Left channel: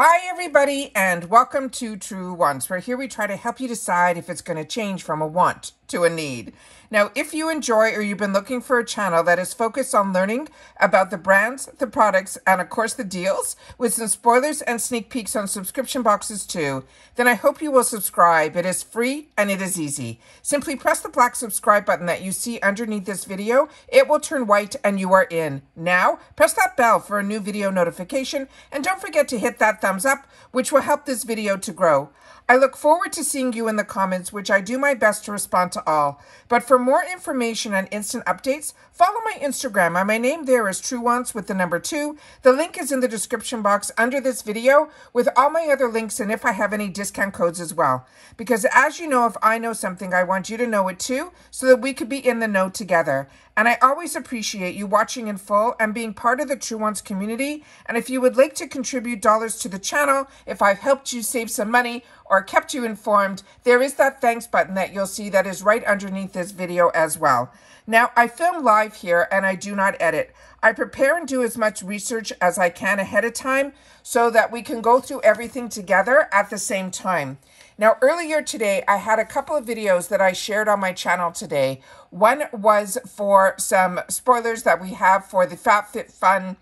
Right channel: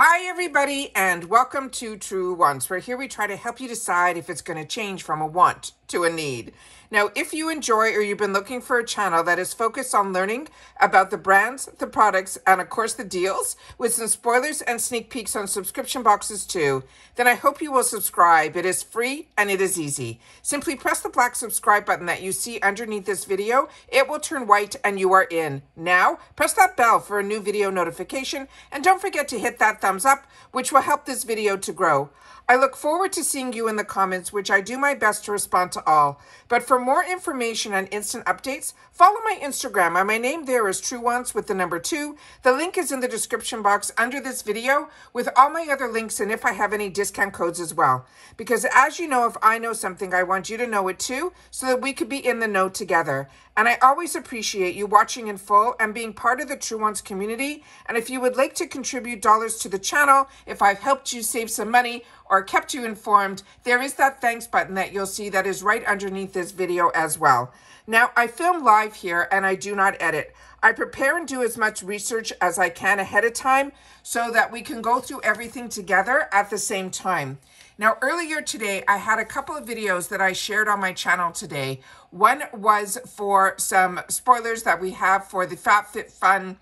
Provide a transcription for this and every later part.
Hi everybody and welcome to Truewants, where here we try to help you decide if it's going to change from a want to a need. Now, if you enjoy or you've been looking for a channel that is focused on learning about the brands, the products, and of course the deals, with some spoilers and sneak peeks on subscription boxes too, then I hope you will subscribe. It is free and it is easy. Simply press the black subscribe button that you see underneath this video. It will turn white and you are in. Now, press that bell for a new video notification and don't forget to hit that thumbs up, which will help this video to grow. I look forward to seeing you in the comments, which I do my best to respond to all. But for more information and instant updates, follow my Instagram, and my name there is Truewants with the number 2. The link is in the description box under this video with all my other links and if I have any discount codes as well. Because as you know, if I know something, I want you to know it too, so that we could be in the know together. And I always appreciate you watching in full and being part of the Truewants community. And if you would like to contribute dollars to the channel, if I've helped you save some money or kept you informed, there is that thanks button that you'll see that is right underneath this video as well. Now, I film live here and I do not edit. I prepare and do as much research as I can ahead of time so that we can go through everything together at the same time. Now, earlier today, I had a couple of videos that I shared on my channel today. One was for some spoilers that we have for the FabFitFun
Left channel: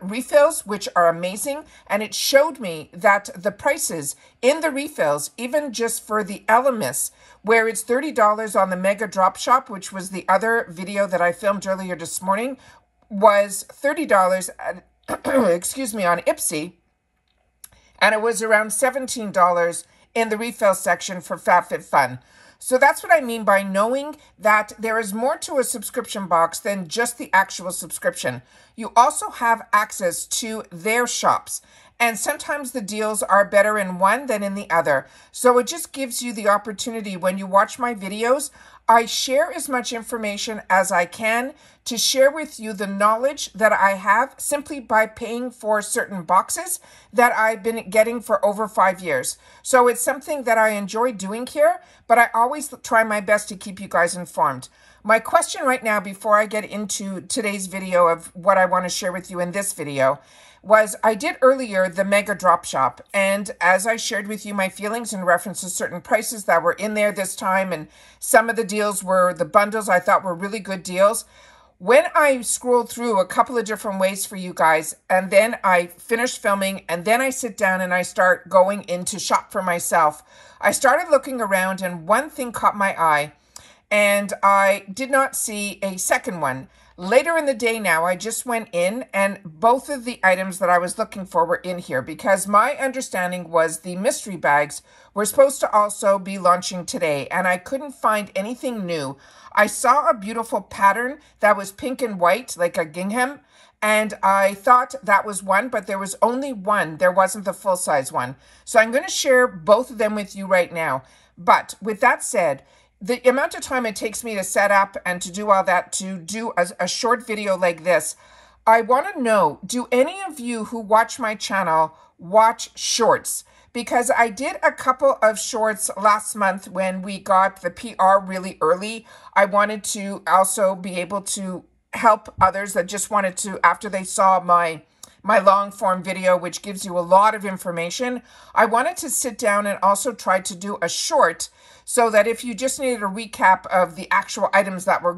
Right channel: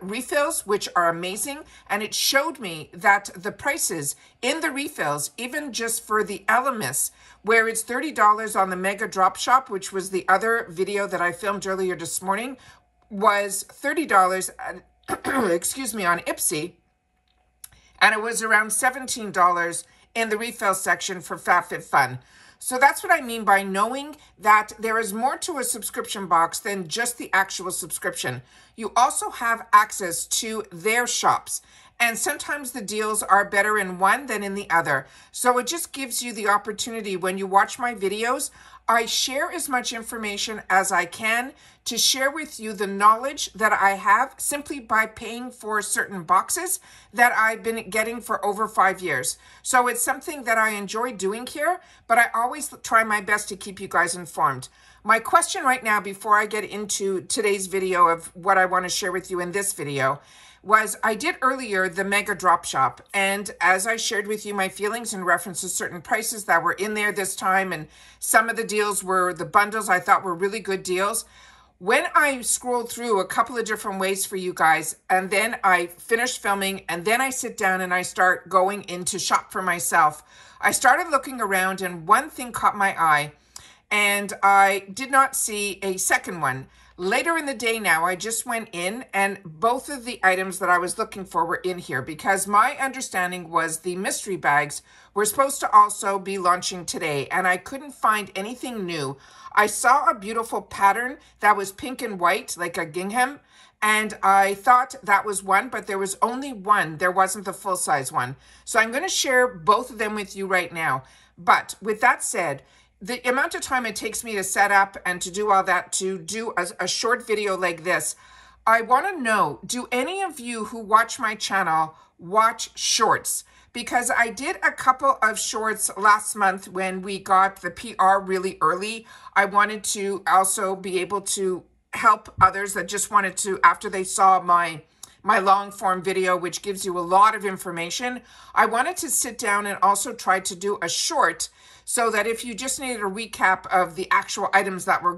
refills, which are amazing, and it showed me that the prices in the refills, even just for the Elemis, where it's $30 on the Mega Drop Shop, which was the other video that I filmed earlier this morning, was $30 excuse me, on IPSY, and it was around $17 in the refill section for FabFitFun. So that's what I mean by knowing that there is more to a subscription box than just the actual subscription. You also have access to their shops. And sometimes the deals are better in one than in the other. So it just gives you the opportunity when you watch my videos. I share as much information as I can to share with you the knowledge that I have simply by paying for certain boxes that I've been getting for over 5 years. So it's something that I enjoy doing here, but I always try my best to keep you guys informed. My question right now, before I get into today's video of what I want to share with you in this video, was I did earlier the Mega Drop Shop, and as I shared with you my feelings in reference to certain prices that were in there this time, and some of the deals were the bundles I thought were really good deals. When I scrolled through a couple of different ways for you guys, and then I finish filming, and then I sit down and I start going into shop for myself, I started looking around and one thing caught my eye, and I did not see a second one. Later in the day now, I just went in and both of the items that I was looking for were in here because my understanding was the mystery bags were supposed to also be launching today and I couldn't find anything new. I saw a beautiful pattern that was pink and white like a gingham and I thought that was one, but there was only one. There wasn't the full size one. So I'm going to share both of them with you right now. But with that said, the amount of time it takes me to set up and to do all that, to do a short video like this, I want to know, do any of you who watch my channel watch shorts? Because I did a couple of shorts last month when we got the PR really early. I wanted to also be able to help others that just wanted to, after they saw my long form video, which gives you a lot of information. I wanted to sit down and also try to do a short so that if you just needed a recap of the actual items that were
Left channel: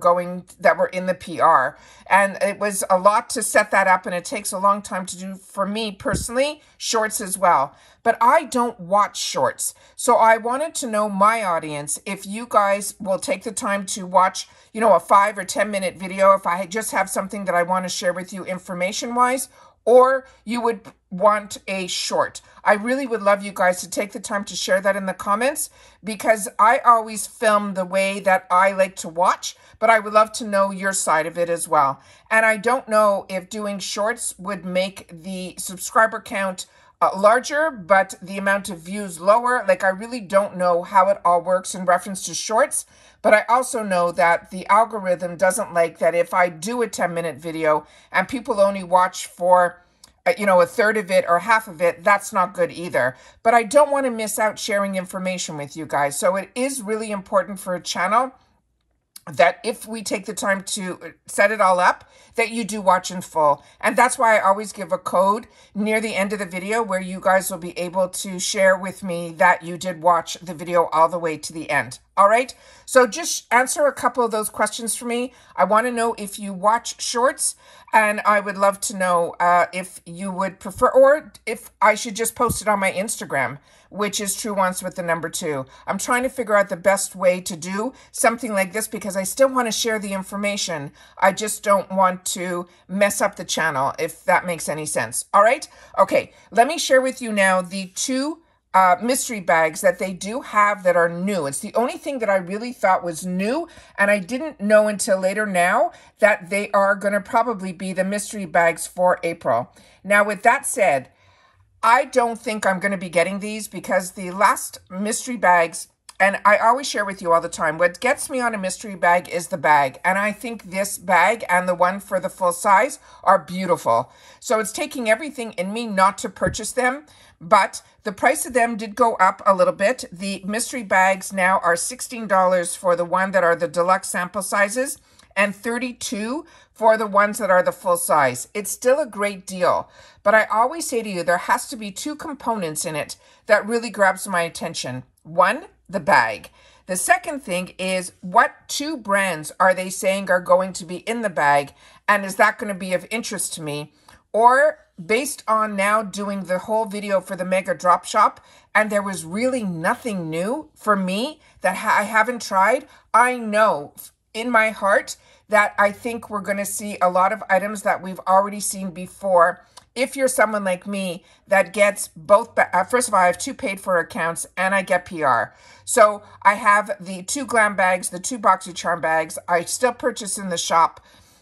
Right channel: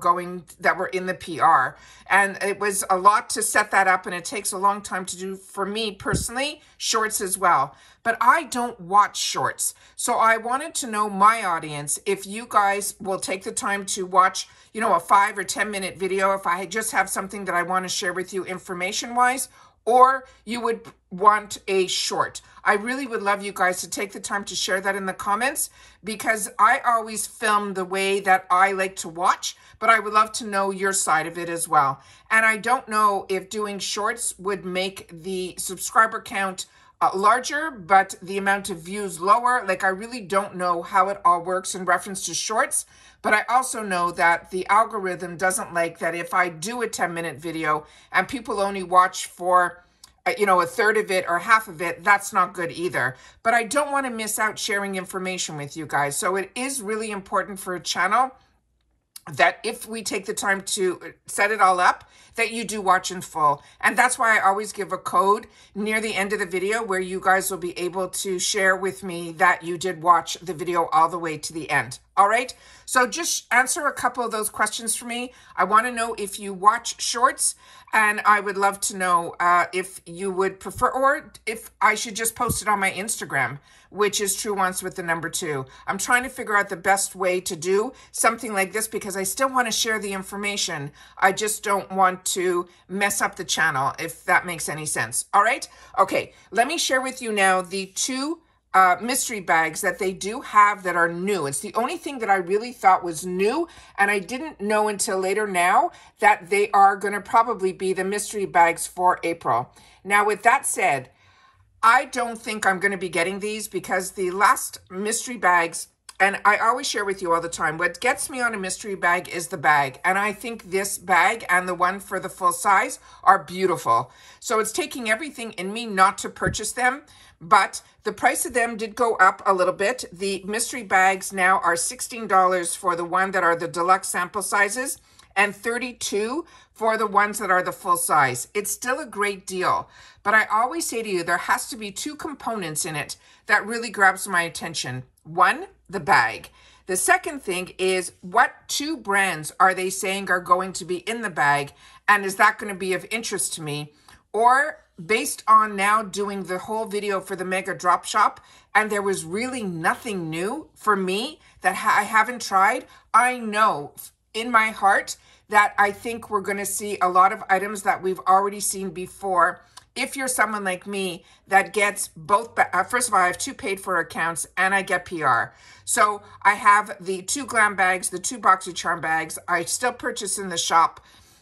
in the PR. And it was a lot to set that up and it takes a long time to do for me personally, shorts as well. But I don't watch shorts. So I wanted to know my audience, if you guys will take the time to watch, you know, a 5 or 10 minute video, if I just have something that I want to share with you information wise, or you would want a short. I really would love you guys to take the time to share that in the comments because I always film the way that I like to watch, but I would love to know your side of it as well. And I don't know if doing shorts would make the subscriber count larger, but the amount of views lower. Like, I really don't know how it all works in reference to shorts, but I also know that the algorithm doesn't like that if I do a 10-minute video and people only watch for, you know, a third of it or half of it, that's not good either. But I don't want to miss out sharing information with you guys. So it is really important for a channel that if we take the time to set it all up, that you do watch in full. And that's why I always give a code near the end of the video where you guys will be able to share with me that you did watch the video all the way to the end. All right. So just answer a couple of those questions for me. I want to know if you watch shorts, and I would love to know if you would prefer, or if I should just post it on my Instagram, which is Truewants with the number 2. I'm trying to figure out the best way to do something like this because I still want to share the information. I just don't want to mess up the channel, if that makes any sense. All right. Okay. Let me share with you now the 2 mystery bags that they do have that are new. It's the only thing that I really thought was new, and I didn't know until later now that they are going to probably be the mystery bags for April. Now, with that said, I don't think I'm going to be getting these because the last mystery bags, and I always share with you all the time, what gets me on a mystery bag is the bag. And I think this bag and the one for the full size are beautiful. So it's taking everything in me not to purchase them, but the price of them did go up a little bit. The mystery bags now are $16 for the one that are the deluxe sample sizes and $32 for the ones that are the full size. It's still a great deal, but I always say to you, there has to be 2 components in it that really grabs my attention. One, the bag. The second thing is, what 2 brands are they saying are going to be in the bag, and is that going to be of interest to me? Or based on now doing the whole video for the Mega Drop Shop, and there was really nothing new for me that I haven't tried, I know in my heart that I think we're going to see a lot of items that we've already seen before. If you're someone like me that gets both, first of all, I have 2 paid for accounts and I get PR. So I have the 2 glam bags, the 2 BoxyCharm bags. I still purchase in the shop.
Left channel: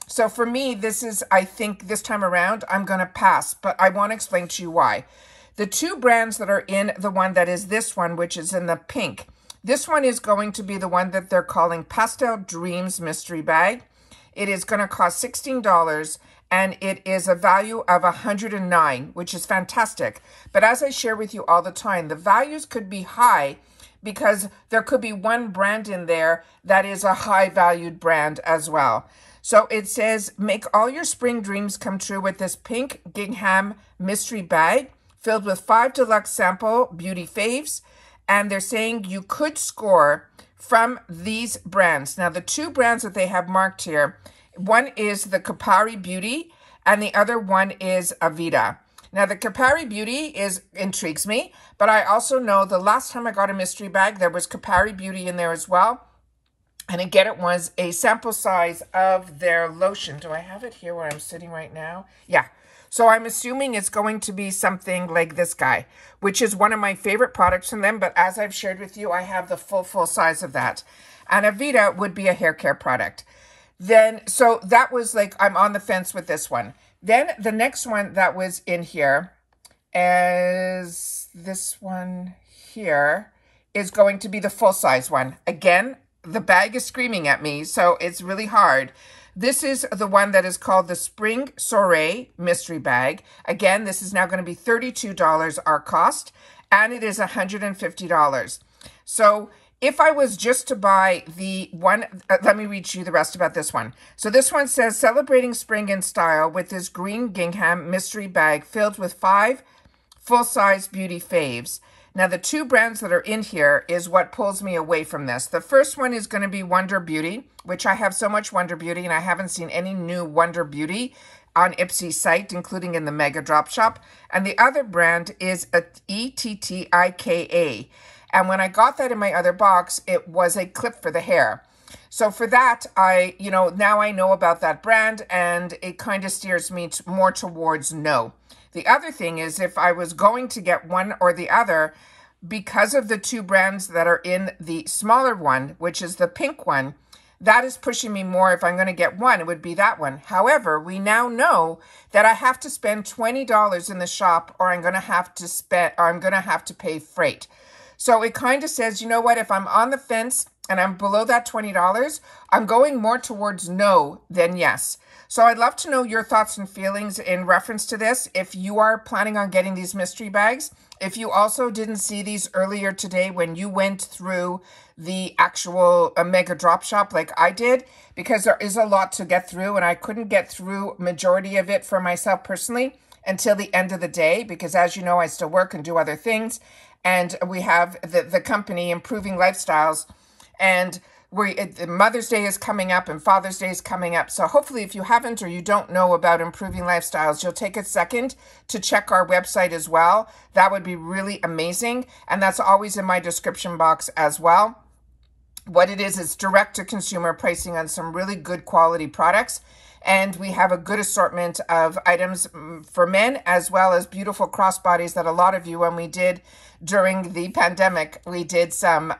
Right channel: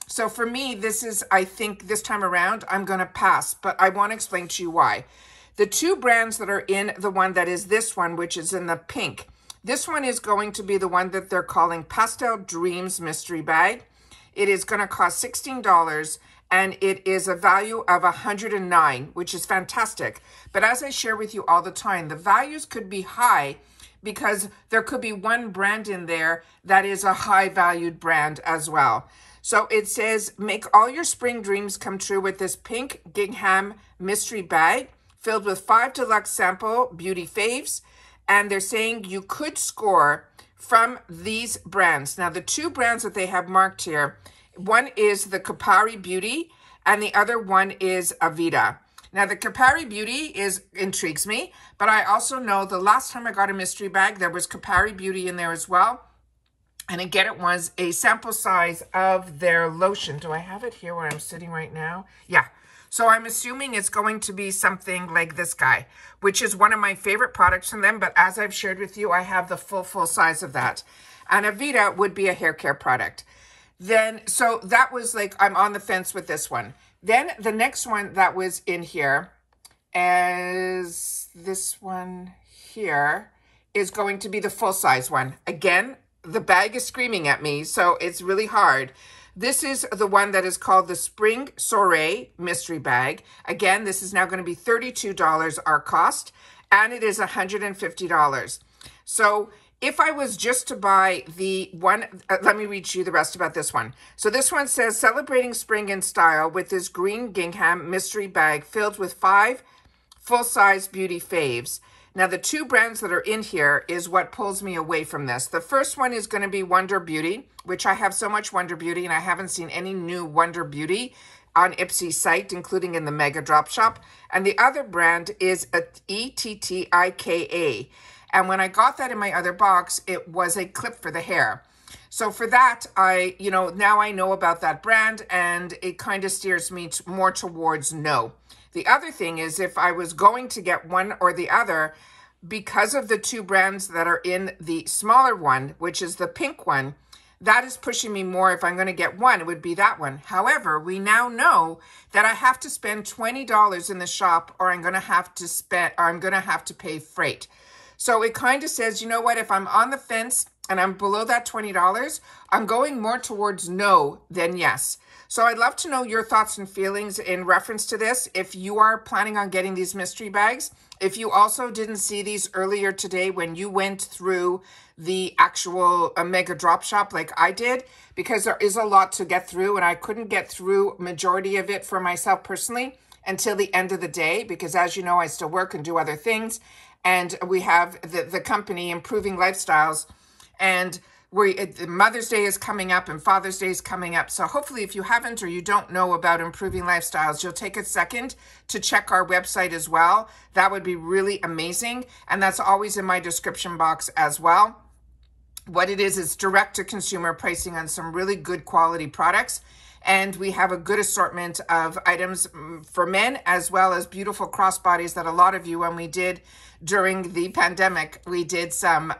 So for me, this is, I think this time around, I'm going to pass, but I want to explain to you why. The 2 brands that are in the one that is this one, which is in the pink, this one is going to be the one that they're calling Pastel Dreams Mystery Bag. It is going to cost $16 and it is a value of $109, which is fantastic. But as I share with you all the time, the values could be high because there could be one brand in there that is a high valued brand as well. So it says, make all your spring dreams come true with this pink gingham mystery bag filled with 5 deluxe sample beauty faves. And they're saying you could score from these brands. Now, the 2 brands that they have marked here, one is the Kapari Beauty and the other one is Avita. Now, the Kapari Beauty intrigues me, but I also know the last time I got a mystery bag, there was Kapari Beauty in there as well. And again, it was a sample size of their lotion. Do I have it here where I'm sitting right now? Yeah. So I'm assuming it's going to be something like this guy, which is one of my favorite products from them. But as I've shared with you, I have the full size of that. And Avita would be a hair care product. Then, so that was like, I'm on the fence with this one. Then the next one that was in here is this one here is going to be the full size one. Again, the bag is screaming at me, so it's really hard. This is the one that is called the Spring Soiree Mystery Bag. Again, this is now going to be $32 our cost, and it is $150. So if I was just to buy the one, let me read you the rest about this one. So this one says, celebrating spring in style with this green gingham mystery bag filled with 5 full-size beauty faves. Now, the 2 brands that are in here is what pulls me away from this. The first one is going to be Wonder Beauty, which I have so much Wonder Beauty, and I haven't seen any new Wonder Beauty on IPSY site, including in the Mega Drop Shop. And the other brand is a ETTIKA. And when I got that in my other box, it was a clip for the hair. So for that, now I know about that brand, and it kind of steers me more towards no. The other thing is, if I was going to get one or the other, because of the 2 brands that are in the smaller one, which is the pink one, that is pushing me more. If I'm going to get one, it would be that one. However, we now know that I have to spend $20 in the shop, or I'm going to have to pay freight. So it kind of says, you know what, if I'm on the fence and I'm below that $20, I'm going more towards no than yes. So I'd love to know your thoughts and feelings in reference to this. If you are planning on getting these mystery bags, if you also didn't see these earlier today when you went through the actual mega drop shop like I did, because there is a lot to get through and I couldn't get through majority of it for myself personally until the end of the day, because as you know, I still work and do other things. And we have the company Improving Lifestyles, and Mother's Day is coming up and Father's Day is coming up. So hopefully if you haven't or you don't know about Improving Lifestyles, you'll take a second to check our website as well. That would be really amazing. And that's always in my description box as well. What it is direct to consumer pricing on some really good quality products. And we have a good assortment of items for men, as well as beautiful crossbodies that a lot of you, when we did during the pandemic, we did some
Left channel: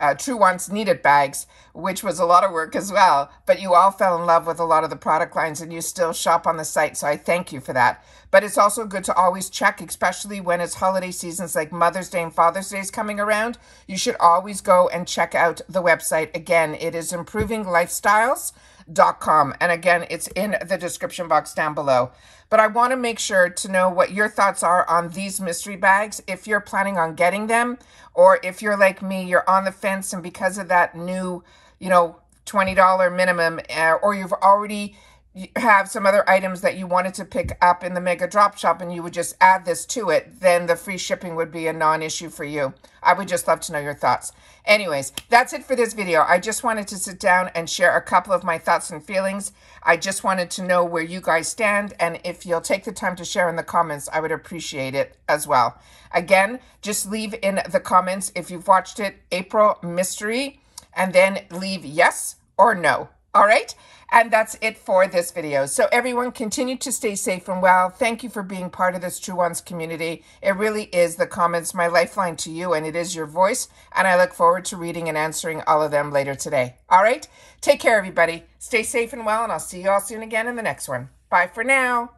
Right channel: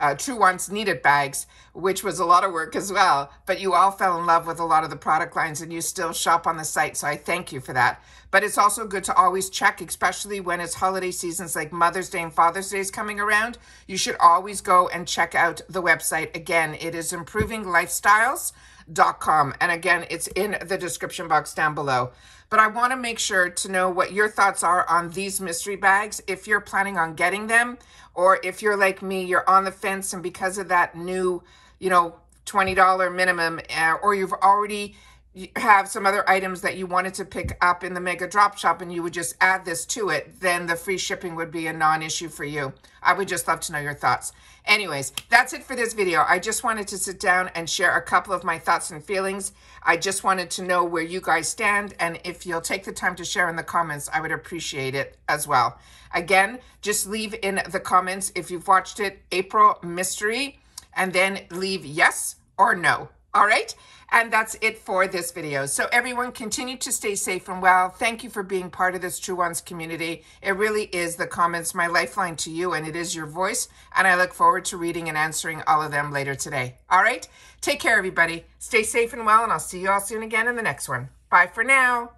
Truewants needed bags, which was a lot of work as well. But you all fell in love with a lot of the product lines and you still shop on the site. So I thank you for that. But it's also good to always check, especially when it's holiday seasons like Mother's Day and Father's Day is coming around. You should always go and check out the website. Again, it is improvinglifestyles.com. And again, it's in the description box down below. But I want to make sure to know what your thoughts are on these mystery bags, if you're planning on getting them, or if you're like me, you're on the fence, and because of that new, $20 minimum, or you've already have some other items that you wanted to pick up in the mega drop shop and you would just add this to it, then the free shipping would be a non-issue for you. I would just love to know your thoughts. Anyways, that's it for this video. I just wanted to sit down and share a couple of my thoughts and feelings. I just wanted to know where you guys stand, and if you'll take the time to share in the comments, I would appreciate it as well. Again, just leave in the comments if you've watched it, April Mystery, and then leave yes or no. All right? And that's it for this video. So everyone, continue to stay safe and well. Thank you for being part of this Truewants community. It really is the comments, my lifeline to you, and it is your voice. And I look forward to reading and answering all of them later today. All right? Take care, everybody. Stay safe and well, and I'll see you all soon again in the next one. Bye for now.